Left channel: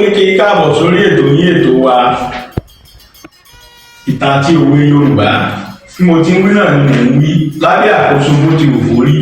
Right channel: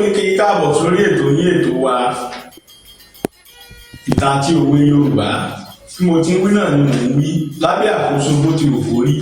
ní kí káàbọ̀ sórí ètò yín ètò wa ìtàn àti òwe Yorùbá tí mo ti ń wí náà ni mò ń wí lábẹ́ àkóso bó ti wù kó rí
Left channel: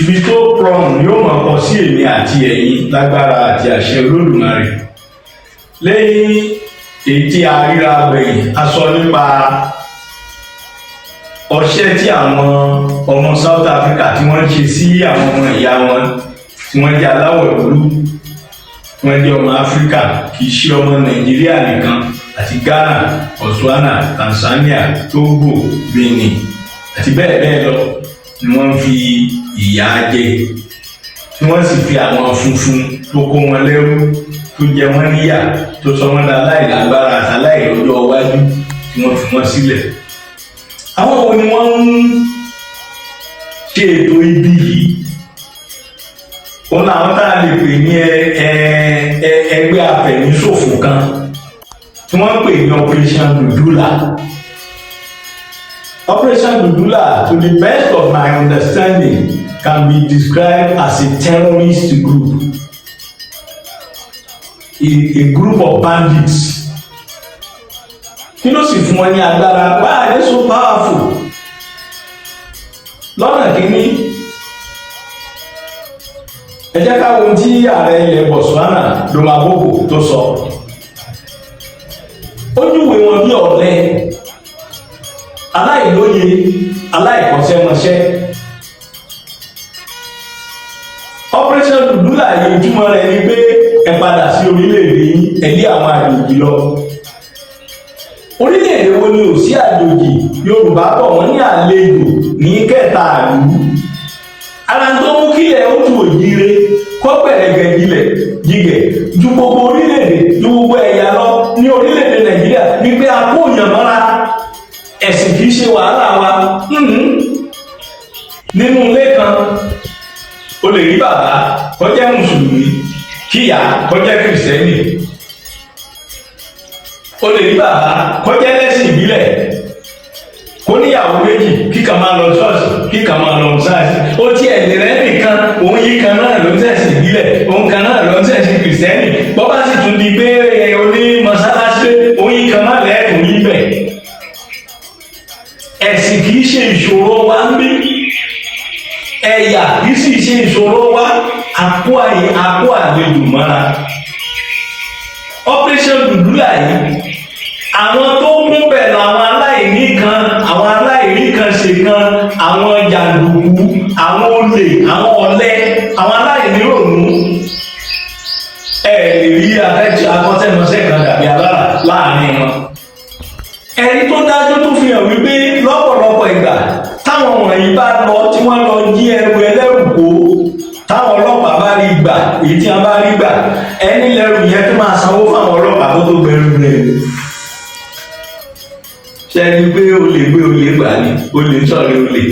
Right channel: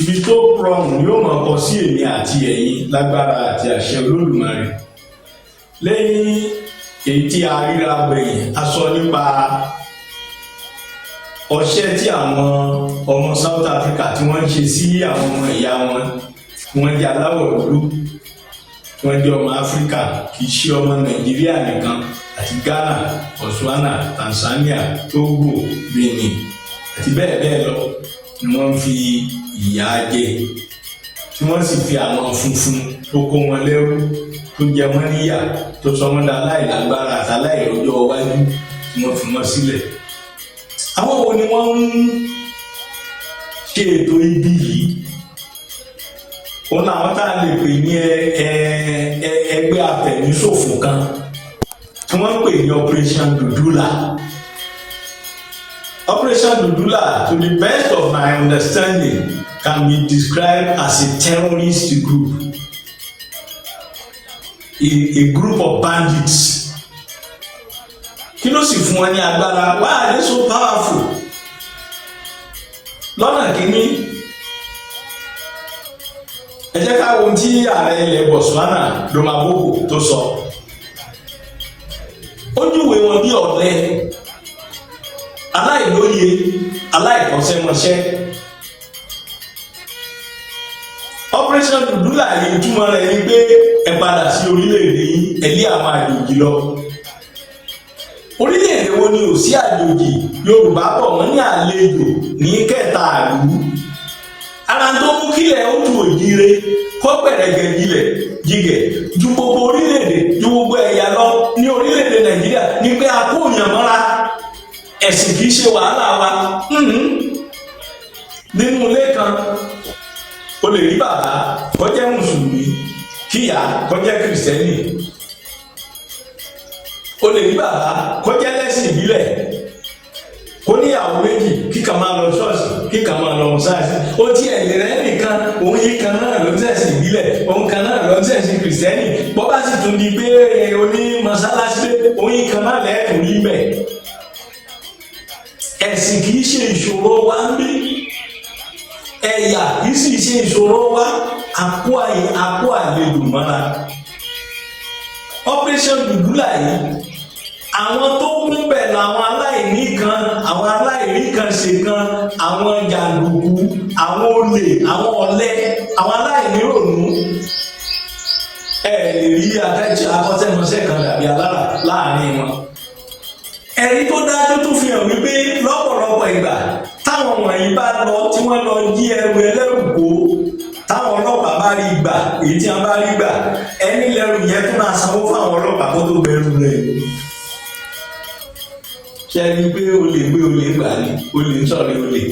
ibi tó rọrùn ni ó máa kọ sí èmi àti ẹ̀yin lágbára àti àṣẹ Olódùmarè. Lẹ́yìn èyí tí a ríra gbẹ̀yìn a sọ nípa ọṣẹ́ tí àwọn ọmọ South Africa tí wọ́n ń ṣe sí àwọn ọmọ ìyá wọn tí wọ́n jẹ́ aláwọ̀ dúdú wọ́n jẹ́ ọmọ Áfíríkà kì í ṣe ọmọ Nàìjíríà nìkan àti Ghana, Botswana, Tanzania, Togo, Benin àti bẹ́ẹ̀ bẹ́ẹ̀ lọ ni wọ́n fi ìyà jẹ tí wọ́n sì fi àwọn funfun tó kó wọn lẹ́rú tó jẹ wọ́n níyà tó sọ wọ́n dá láìlágbára àtàláì lọ́jọ́ iwájú tí wọ́n fi wọ́n sílẹ̀. Àwọn wo ni wọ́n ń ṣe ètò ibi yìí? Òun làwọn tá a lè pè ní ẹgbẹ́ afẹ̀míṣòfò kan tí wọ́n ń pè ní Operation Dudula. Operation Dudula, to the best of my understanding, can be described as a terrorist group, a group of bandits. Kí ló sì fún wọn ní agbára? Why are they so powerful? Lọ́nà kìíní, ẹ jẹ́ ká wo tí ààrẹ ilẹ̀ Botswana Domaboko tó sọ. Ó júwe wọn bí ọ̀lẹ, aláìlóye, aláìkọ́ṣẹ́mọṣẹ́. Operation Dudula yìí túmọ̀ rẹ̀ ni pé ẹ padà sí orílẹ̀-èdè yín, ẹ lé àwọn àjòjì lọ. Orílẹ̀-èdè wo ni ò sí àjòjì? Yorùbá pọ̀ wọ́n ní àlejò ní kẹta àlú. Ara tó mú kílẹ̀ ó tu òjìire kó gbẹ̀rẹ̀gẹ̀ jígẹ̀ ju gbogbo orílẹ̀-èdè ju gbogbo ẹ̀yà lọ ní orílẹ̀-èdè Nàìjíríà ní pé a kó yàn mọ́ra. Ẹ̀sìn kìí ṣe wàhálà wa. Nínú ilé kan o lè rí bàbá kó jẹ́ mùsùlùmí kíyà kó jẹ́ kìrìsìtẹ́nì. O lè rí bàbá kó jẹ́ ẹlẹ́sìn ìbílẹ̀ kó níyàwó méjì kíkan máa lọ ṣọ́ọ̀ṣì kíkan máa lọ mọ́sáàsì. Ó ti ẹ̀dẹ̀ rẹ̀ nìkan òun yìí kan náà ló ń ṣẹ̀sìn ìbílẹ̀ òun kan náà ló ń ṣẹ̀sìn kìrìsìtẹ́nì. Bọ́ bá sì tún di pé oní mọ́sálásí òun yìí kan náà lẹ́ẹ̀kùn níbẹ̀. Ẹ̀sìn kìí ṣe ìṣòro wa ń bí, ẹ̀yà kìí sì ṣe ìṣòro wa, àpò àlejò mọ́ra. Operation Dudula yìí àwọn tó mú bẹ̀ làwọn aláìní kan, àwọn aláìní kan ṣe kan, àwọn jàǹdùkú, àwọn olè, àwọn ọ̀lẹ, àwọn aláìní rònú. Ẹ lè rí akọ́ṣẹ́mọṣẹ́ kan dàbí alára láàrin wọn. Ẹ̀rí tó dájú tó fi hàn wípé lọ́pọ̀lọpọ̀ ìgbà táwọn wọ̀nyí bá lọ tí wọ́n lọ jí ẹrù ẹlẹ́rù kó, táwọn ọlọ́pàá bá rí gbà, èyí tí wọ́n bá rí gbà, ẹni lẹ́rù yẹn tó máa sanwó fáwọn ọlọ́pàá tó tó gbẹrù rẹ̀. Ṣé ẹni pé olè gbé olè gbà ní olè ń sọ̀rọ̀ olè?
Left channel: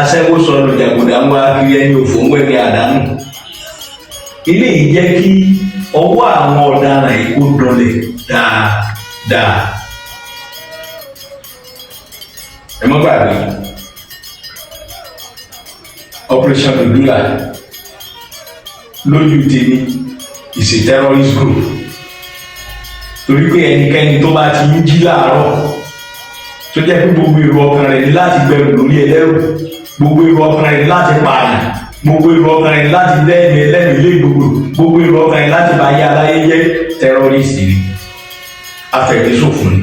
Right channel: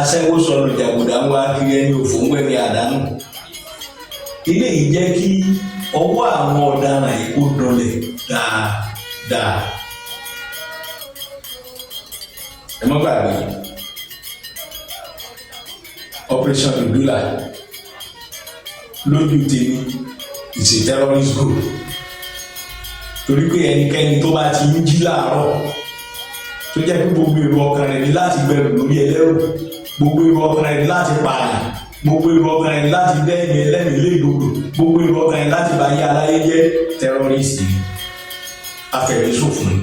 Aṣẹ́wó sọnù jàgùdà ń wá kiri ẹni òfò ń wẹ̀ ní àdánù. Ilé yìí jẹ́ kí ọwọ́ àwọn ọ̀daràn yìí kó dọlẹ̀ dáadáa. Ẹ má gbàgbé Operation Dudula lójú tèmi is a terrorist group, torí pé ẹnikẹ́ni tó bá ti ń jí láàárọ̀ tó jẹ́ pé gbogbo èrò ọkàn rẹ̀ ní láti gbẹrù lórí ẹlẹ́rù, gbogbo èrò ọkàn rẹ̀ ní láti pààyàn, gbogbo èrò ọkàn rẹ̀ ní láti dẹ́ẹ̀mí ẹlẹ́rìí lé gbogbo èrò ọkàn rẹ̀ ní láti bá yé aláyé jẹ́ terrorist ni, afẹ̀míṣòfò ni,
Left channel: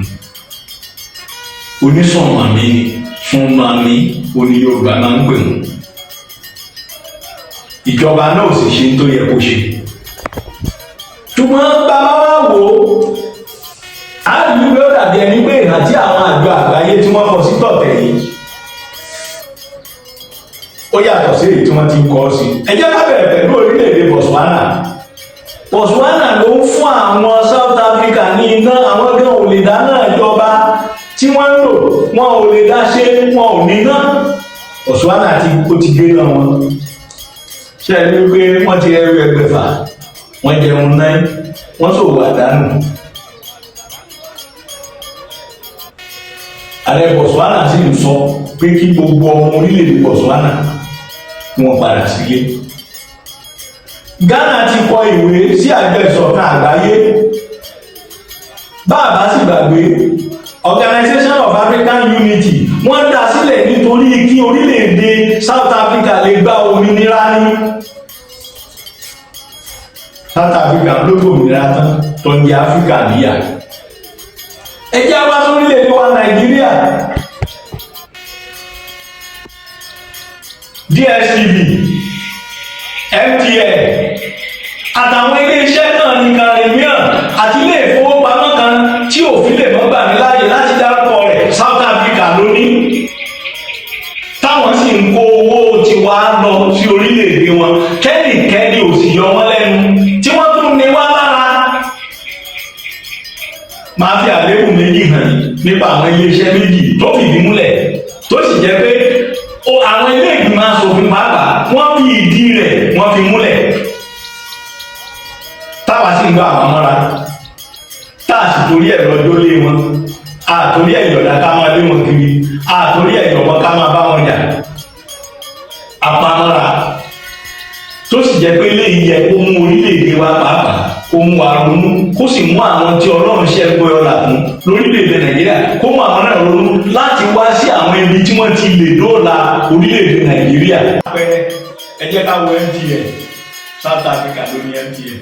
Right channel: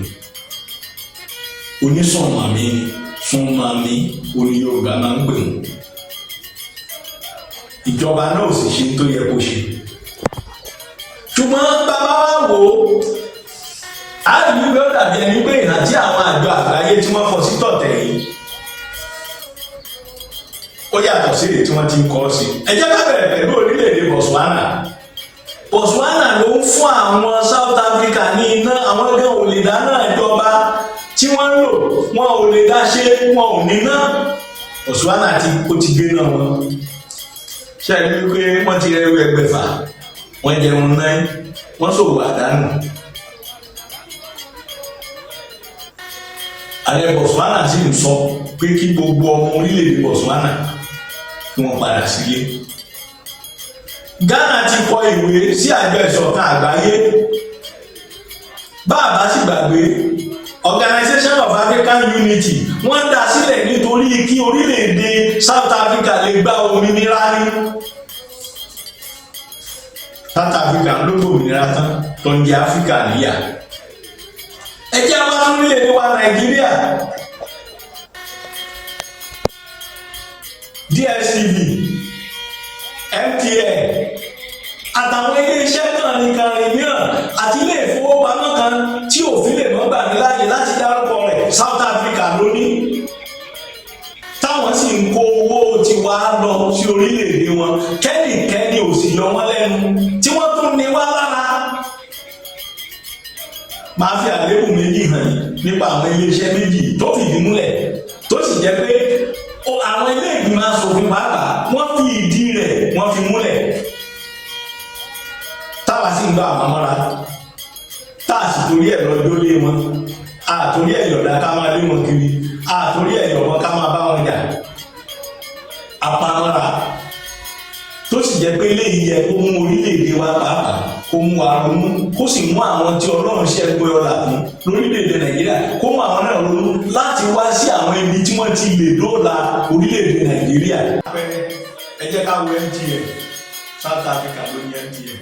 onísùnmọ̀mí ni, sùnmọ̀mí oní Yorùbá máa ń pè wọ́n. Ìjọba náà sì ṣe tó yẹ kó ṣe. Ṣùgbọ́n bàbá wa wò ó, àdúgbò ló dàbí ẹni pé ìrántí àwọn àjọ àgbáyé tí wọ́n kọ sí tọ̀tẹ̀ yìí ó yàtọ̀ sí èyí tí wọ́n ti ń kọ́ sí. Ẹ jẹ́ ká bẹ̀rẹ̀ pẹ̀lú orílẹ̀-èdè Botswana. Botswana ló ń fún àwọn South Africa ní iná, àwọn gan ò lè dáná ìjọba tí wọ́n ń lò, wọn ò lè dá ṣe, wọn ò ní ná. Botswana ó ti gbé náà wọn. Ṣé ẹ ní pé wọ́n ti rẹ́rú ẹgbẹ̀fà, wọ́n jẹun náà, wọ́n ṣòwò àdánù. Ààrẹ Botswana sì ń sọ pé kí gbogbo ọmọ orílẹ̀-èdè Botswana kí wọ́n padà sílé. Ghana ti kọ ìwé sí àjọ ìṣọ̀kan àgbáyé. Bá a bá sì gbàgbé, Organization of African Unity wọ́n dá sílẹ̀ nítorí kí orílẹ̀-èdè South Africa lè gba òmìnira ní. South Africa ló gbòmìnira tán tó ń jẹ Áfíríkà níyà. Ẹ jẹ́ wá sórílẹ̀-èdè wa Nàìjíríà. DSTV, MTN àtàwọn ilé-iṣẹ́ náà ní kàrìmíàn àti ilé ìfowópamọ́ kan tí òfin lè mọ́ gbà mí láàyè láti dárúkọ rẹ̀ South Africa lónìí. Táwọn sì ń kó owó tiwa lọ sí orílẹ̀-èdè wọn kẹ́nìkẹ́nì ò sì yọ wọ́n lẹ́nu tí wọ́n tún ní wá lára. Máa fi àléébù méjì hàn nípa àwọn ilé-iṣẹ́ méjì tó fìdí múlẹ̀ tó sì jẹ́ pé àwọn ilé ìgbìmọ̀ aṣòfin pàápàá wọ́n fi ìdí rẹ̀ wọ́n fi múlẹ̀. Táwa sì ń gbọ́ àwọn mọ́ra tá a sì torí ẹ̀ lọ́jọ́ lé wọn àtòrí ẹ̀ yọ̀dá ká máa lé wọn kiri àtòrí ẹ̀ yọ̀bọ ká máa bá wọn jà àpamọ́ra tó sì jẹ́ pé eléyìí yẹ kó mú orílẹ̀-èdè wa pàápàá kó mú wa ronú kó sì mú àwọn tí Ọlọ́run ṣe ẹgbẹ́ ọ̀la fún lórílẹ̀-èdè Nàìjíríà kó mú àwọn náà ronú láti wá sí àwọn ibi tí wọ́n ti lè dóòlà orílẹ̀-èdè Nàìjíríà. Ẹ jẹ́ ká wo MTN South Africa ló ní MTN.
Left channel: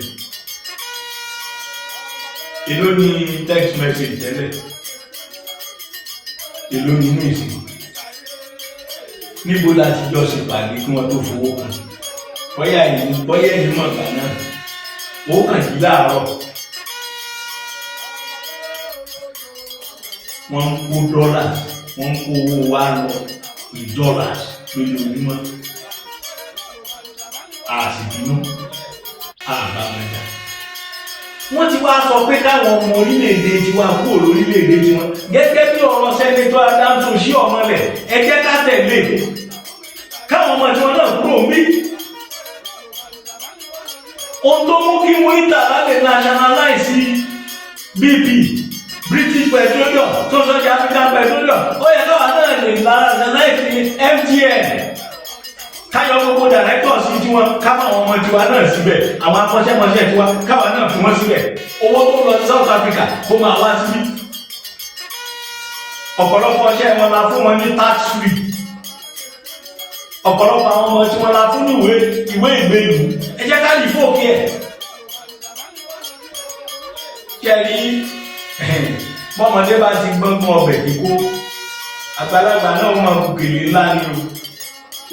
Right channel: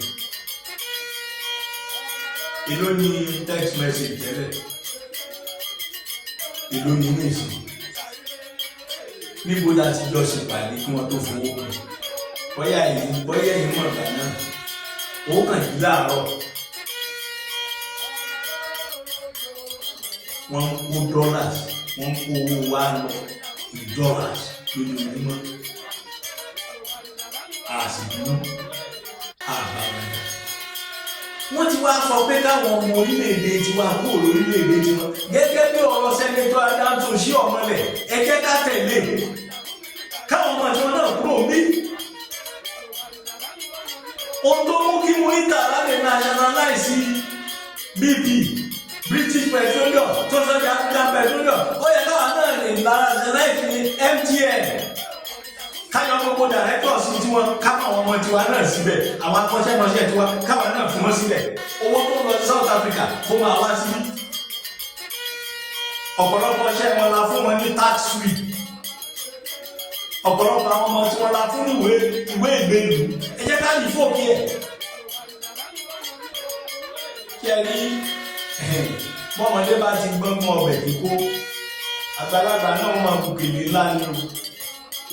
Èló ni text message tẹ́lẹ̀? Èló ni news? Níbo láti jọ ṣèpàdé kí wọ́n tó fowó kan? Bóyá ẹ̀yin mọ̀ gbà náà, owó kan yìí láàárọ̀. Wọ́n ń kó dollars, wọ́n ń kó owó wa lọ ní dollars lójoojúmọ́. Àṣìbínú, àbámẹ́ta. Wọ́n ti wá sọ pé káwọn ọmọ orílẹ̀-èdè tiwa kúrò lórílẹ̀-èdè tiwọn gẹ́gẹ́ bí ọ̀rọ̀ sẹ́nitọ́ Adams Oshiomhole ẹ jẹ́ ká tẹ̀lé káwọn ọmọ tiwọn náà kúrò ń bí. Ohun tó mú kí Muritala lè nationalize BP British Petroleum tó sọ́jà African Petroleum ó yẹ káwọn náà lè nationalize MTN. Káyọ̀ gbogbo directors sí tiwọn káwọn àwọn ọmọ tiwa náà síbẹ̀ àwọn akọ́ṣẹ́mọṣẹ́ tiwa káwọn náà fún wọn síbẹ̀ owó tó lọ sí South Africa kó máa wá síbí. Ọ̀pọ̀lọpọ̀ ọṣẹ́ wọn la fún wọn ní tax free. Ọ̀pọ̀lọpọ̀ àwọn ọmọ tí wọ́n la fún ní ìwé ìgbélú ẹ jẹ́ ká lè fòkè ẹ̀. Kẹ́rí bọ́mọdé bá ti gbọ́ngbọ́n ọbẹ̀ kíkó àgbàlagbà náà máa bùkèlè ńlá ní o.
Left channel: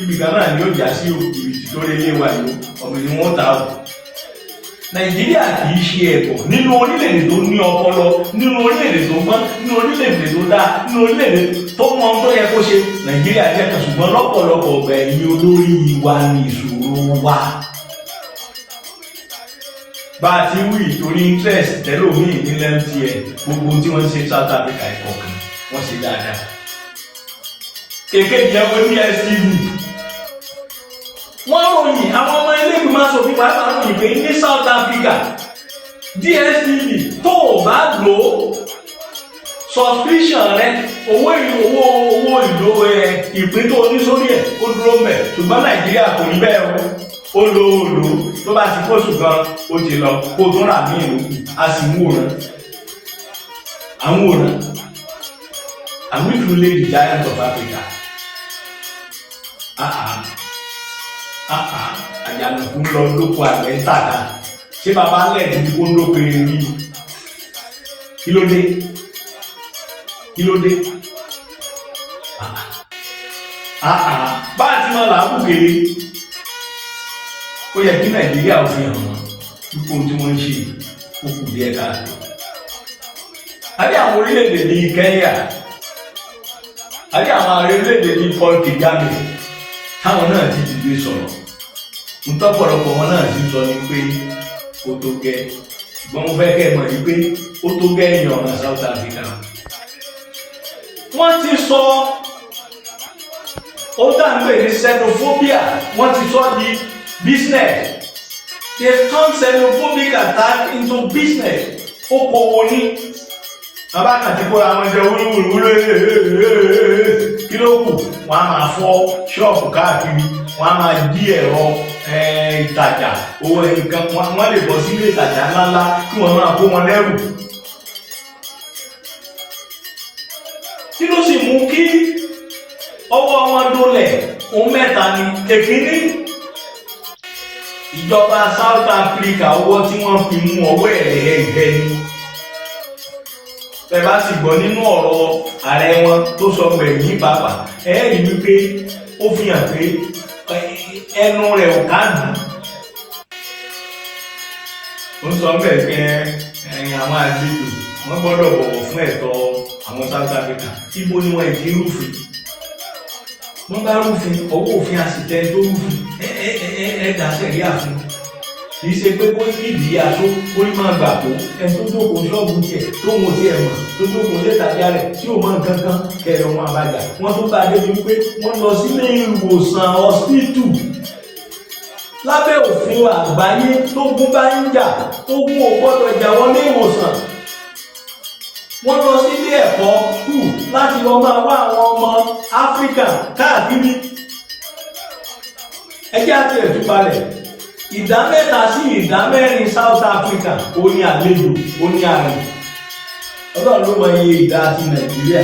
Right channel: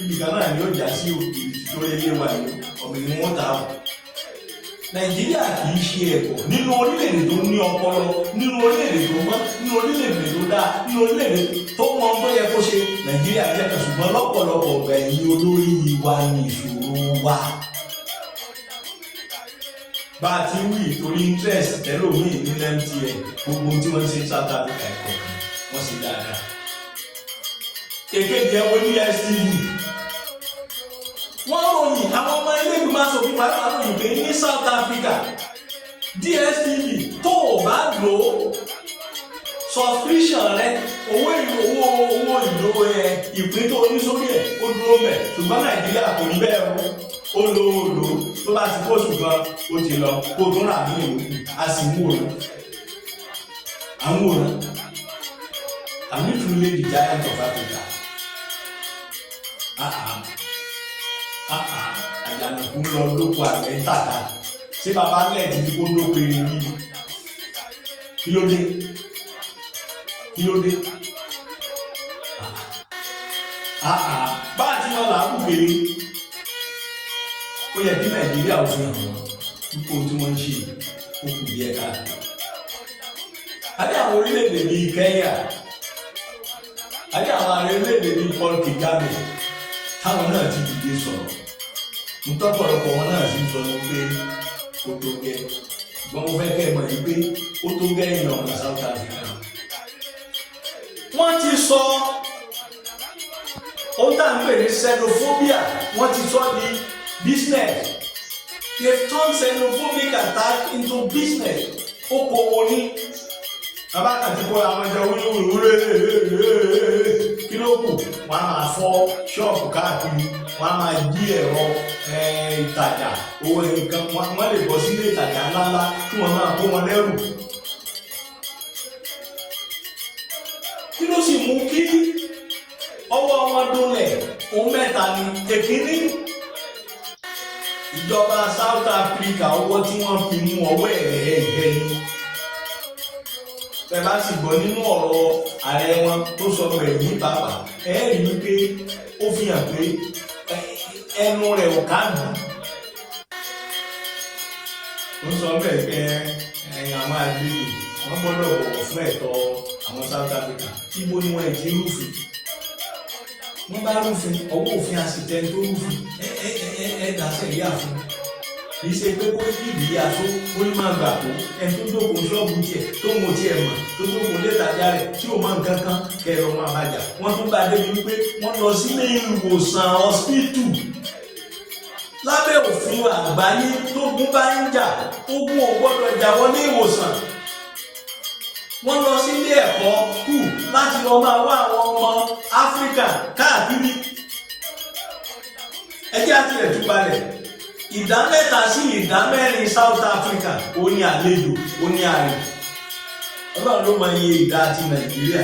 Ibi kan náà ni ó jà sí òkèèrè tó lé lé wa ní ọ̀gbìn ni wọ́n ta ọ̀. Nàìjíríà kì í ṣe ẹ̀kọ́ nínú orílẹ̀-èdè tó ní ọpọlọ nínú orílẹ̀-èdè tó gbọ́n nínú orílẹ̀-èdè tó dáa nínú orílẹ̀-èdè tó mọ ohun tó yẹ kó ṣe. Nàìjíríà jẹ́ kan ṣùgbọ́n lọ́pọ̀lọpọ̀ ọ̀gbà ẹ̀yìn olórí wa ní ìṣòro wa. Bá a ti wí torí interest tẹ́lómi ìpínlẹ̀ MTN gbogbo tí wọ́n ṣe South Africa ìkọ̀ọ̀kan wọ́n ṣe dáadáa. Èkejì ẹ̀wọ̀n DSTV. Wọ́n ròyìn àwọn ọmọ ilé-ìgbìmọ̀ aṣòfin pàápàá ròyìn pé ní South Africa DSTV tó o bá lò ó subscription rẹ owó ìlò ìpín tó ní sórí ẹ̀ ó dúró mẹ́ ṣùgbọ́n Nàìjíríà kò ní bẹ́ẹ̀ o lò tó bá ti kóṣù kan ó ti lọ kó tó rà ní ìlú a sì ń wòran àwọn ìfúnlẹ̀ the giant of Africa. Àjànàkú lọ lóko àgbẹ̀ ń tàkà ṣé bàbá lẹ́ẹ̀dì ní kó lóko erin ní kí ló dé bá a ti máa làákù kéré ó yẹ kí Nàìjíríà ò fi hàn wọ́n púpọ̀ tí wọ́n ń ṣe ó kù díẹ̀ káàkiri. Àbí àwọn orílẹ̀-èdè bíi Kenya àbí àwọn orílẹ̀-èdè bíi Paul Kagame táwọn náà ti dìde sọ̀rọ̀ ntọ́pọ̀lọpọ̀ wọn náà ti sọ ní pé ó tó gẹ́ ṣùgbọ́n mo fẹ́ kẹ́ ẹ mọ̀ ní pé ó tó gẹ́ èèyàn ọ̀nà South Africa. Wọ́n ti sọ ó dà ń pè ní xenophobia wọ́n ti sọ di business. They turn xenophobic attack into business. Okòwò ní bàbá kan ti kó àwọn ẹjọ́ wúlúwúlú kí ló kù wọ́n á máa fọ́ ṣọ́ọ̀bù káàkiri wọ́n á máa jí ẹ̀rọ ìtajà owó nǹkan wọ́n lè bọ́ sílé ìtajà ńláńlá kí wọ́n máa kó wọn lẹ́rù. kí ló sì mú kí ọwọ́ wọn dólẹ̀? ohun mẹ́ta ni. èkíní, ìjọba South Africa ọwọ́ tí wọ́n fi mú ọwọ́ ẹ̀rẹ̀ ni. bẹ́ẹ̀ bá sì gbọ́ nínú ọ̀rọ̀ ààrẹ wọn tó sọ gbẹ̀yìn pàápàá rí wípé ó fi hàn pé ẹnu rẹ̀ ò ká dùn. ó sọ bẹ́ẹ̀ pé àwọn àlejò wọ́n gbọ́dọ̀ bọ̀wọ̀ fún ẹ̀tọ́ àwọn South Africa. ibo ni wọ́n ti rúfin? wọ́n bá rúfin ọwọ́ òfin àsìtẹ́ tó rúfin dá sẹ́ríà fún un. kì í ṣe pé kó nídìí aṣọ kó ní máa gbà kó ẹni tó jókòó ṣọ́ọ̀bù tiẹ̀ tó ń wo tiẹ̀ mọ̀ tó jókòó lé ìtajà rẹ̀ tí ò mọ̀ nǹkan kan kẹrọ wọn àbájá. wọ́n tún bá débi wípé wọ́n lọ sílé ìwòsàn hospital lábẹ́ òfin àgbáyé tó gún bá ń jà tó gún ò gbọ́dọ̀ jà wọlé ìwòsàn. wọ́n lọ sílé ẹ̀kọ́ kù láti lọ máa wá àwọn ọmọ Áfíríkà káàkiri. ẹjẹ́ àti ẹ̀túpalẹ̀ ìdá 3 sí ìdá 4 South Africa ó ní àlejò ó ní àrùn. Ọlọ́run ló mọ iye ìdá ti Nàìjíríà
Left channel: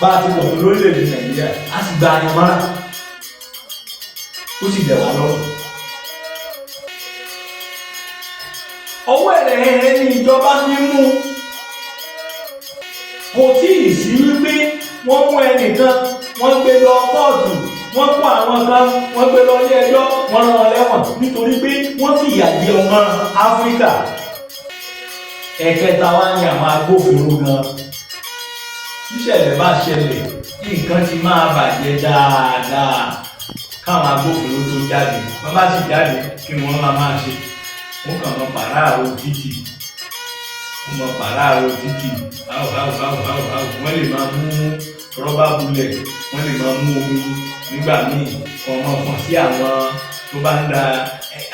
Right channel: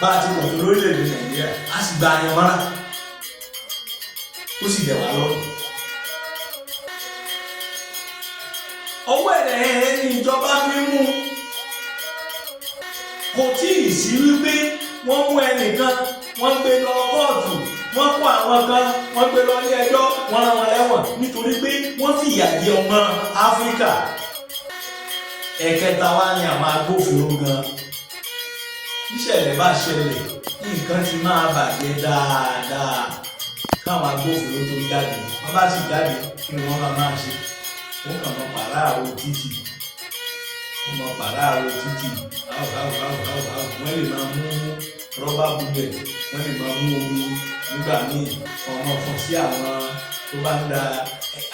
bá a ti pọ̀ tó lórílẹ̀‐èdè Nàìjíríà a sì gba àyànmára ó sì jẹ̀ wá lọ́rùn. ọwọ́ ẹ̀rẹ̀ ní ìjọba mímú kò tí ì sí wípé wọ́n mú ẹnìkan wọ́n gbé lọ kóòtù wọ́n kó àwọn kan wọ́n gbé lọ ilé ẹjọ́ wọ́n rán wọn lẹ́wọ̀n nítorí pé wọ́n fi ìyà jẹ ọmọ Áfíríkà. ẹ̀kẹta wá ní àwọn agbófinró gan. ìṣẹ̀lẹ̀ bá ṣẹlẹ̀ nǹkan ti máa bàjẹ́ dáadáa káwọn agbófinró tó jáde wọ́n bá sì jáde kí wọ́n máa ṣe wọ́n kàn mọ́ pàráàrọ̀ títì wọ́n mọ́ pàráàrọ̀ títì wọ́n lè máa mú rọ́bà bulẹ̀ wọ́n lè máa mú omi nígbà míì kọ́ ọmọ kan sí àwọn tó bá ń da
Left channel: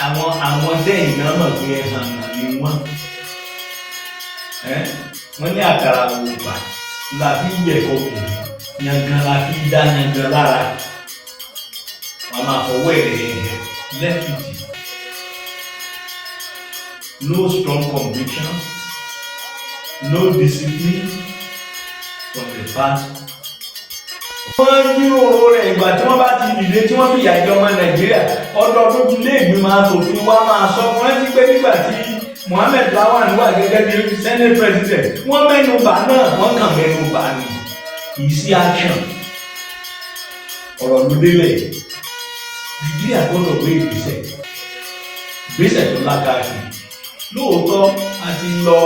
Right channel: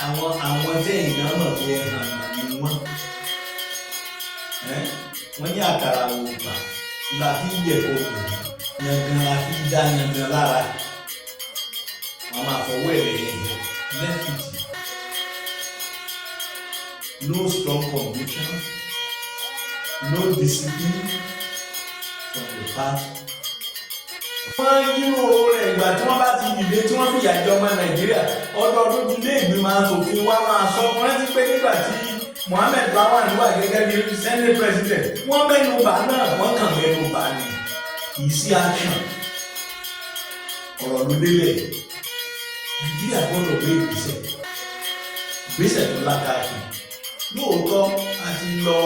àwọn sẹ́yìn náà mọ̀ pé àná ni wọ́n ní àkàrà òògbà la fi yẹ kọkù yangan la fi dá yangan lára wọ́n máa fọwọ́ lẹ́fìtì. No strong conviction, no discipline from the part. wọ́n jíròrò rẹ̀ ìgbà tí wọ́n bá ti dìde tí wọ́n fi ìyà jẹ ọmọ Nàìjíríà ọdọọdún ti ilé ìgbìmọ̀ asòfin wa máa sọ fún ẹ ti pé nígbà tí Mohammed Lawan wà gẹ́gẹ́ bí Senate President wọ́n mẹ́nu bà náà wọ́n kàn mẹ́nu bà ní kì í sí action. ọ̀rọ̀ ló délẹ̀ Nàìjíríà gbọ́dọ̀ gbé ìgbésẹ̀ tó lákàtì. lóòótọ́ a ti lọ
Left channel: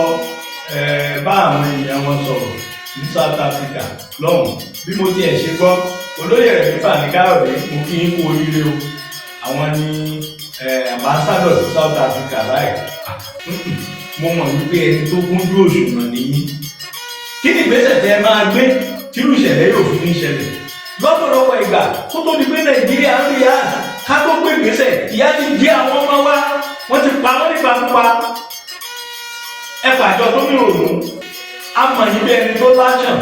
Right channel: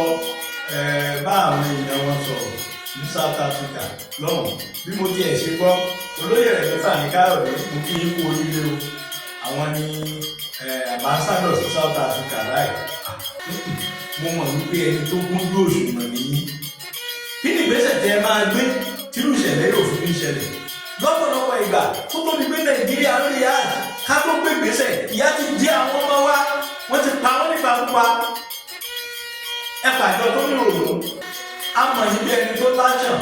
bá àwọn èèyàn wọn sọ̀rọ̀ ní South Africa lọ́hùn bí mo tiẹ̀ ṣe gbọ́ olóyè rẹ̀ nípa ní Káyọ̀dé mo kí n kú oríire o àwọn ní ambassador sí South Africa báyìí mo mọ̀ wípé ẹni tó kúnjú òṣùwọ̀n nìyí. kí ni ìgbésẹ̀ tẹ́ ẹ máa gbé tírú ìṣẹ̀lẹ̀ yóò fi ní ṣẹlẹ̀? lọ́pọ̀lọpọ̀ ìgbà tó tó di pé Nàìjíríà ń rí ya ká tó gbé ìgbésẹ̀ ìyà ti jẹ àwọn ọmọ wa wọ́n ti pa wọ́n nípa púpa. ẹ pàjọ tó ní òòrùn àmọ̀ yìí bí ẹni tó láṣàn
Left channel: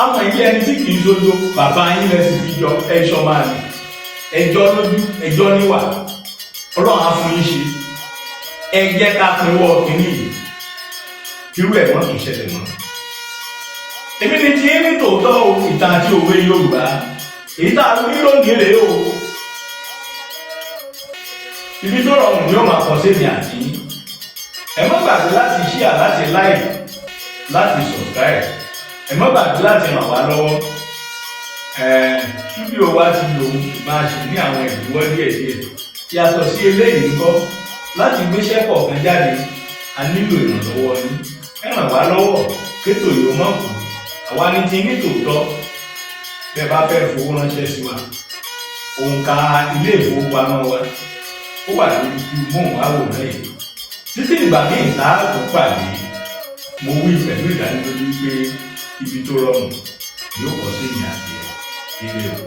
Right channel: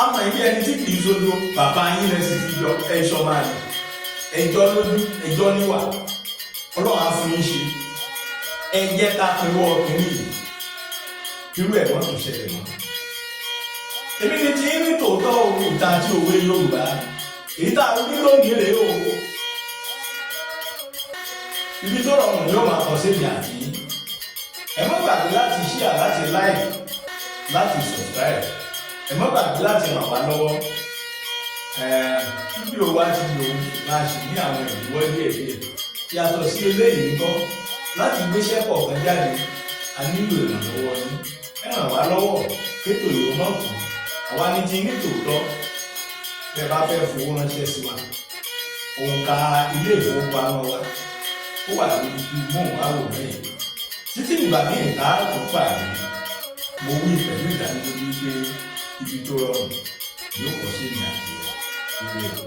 àmọ̀ yìí bí ẹni tí kì í sojo bàbá yín lẹ sì fi jọ ẹ̀ṣọ́ máa ní ẹjọ́ lójú ẹjọ́ níwà Ọlọ́run á fún yín ṣe. ẹ jẹ́ ká pinwọ́ kínní yìí irú ẹ̀ wọ́n tún ṣẹlẹ̀ mọ́. èmi ni ti ní tòótọ́ òun ìta àti òwe Yorùbá èyí tá a fi lónìí rèé o. ibi tó rọrùn ni ó máa kọ sí èmi àti yín. ẹ má gbàgbé láti share láti like láti subscribe. ẹ má gbàgbé láti ràn wá lọ́wọ́. fídíò wa ti lòun máa ṣe ní àwọn ìdíwọ́ díẹ̀díẹ̀. yàtọ̀ sí eléyìí ń kọ́ láti gbéṣẹ́ kọ̀ọ̀kan jáde a nílò ìrànlọ́wọ́ yín. ẹ ràn wá lọ́wọ́ kétò yóò mọ̀ kù. àwa ní ti ní tòótọ́ bẹ́ẹ̀ bá fẹ́ fowó ránṣẹ́ sí wa. òǹkà ilé ìfowópamọ́ wa ó wà lórí móhùnmáwòrán yìí. títí ìgbà míì tá a tó pàdé mo wí pẹ̀lú ìdánilójú pé ibi tó rọrùn yóò kọ́ sí ní àti ilé o.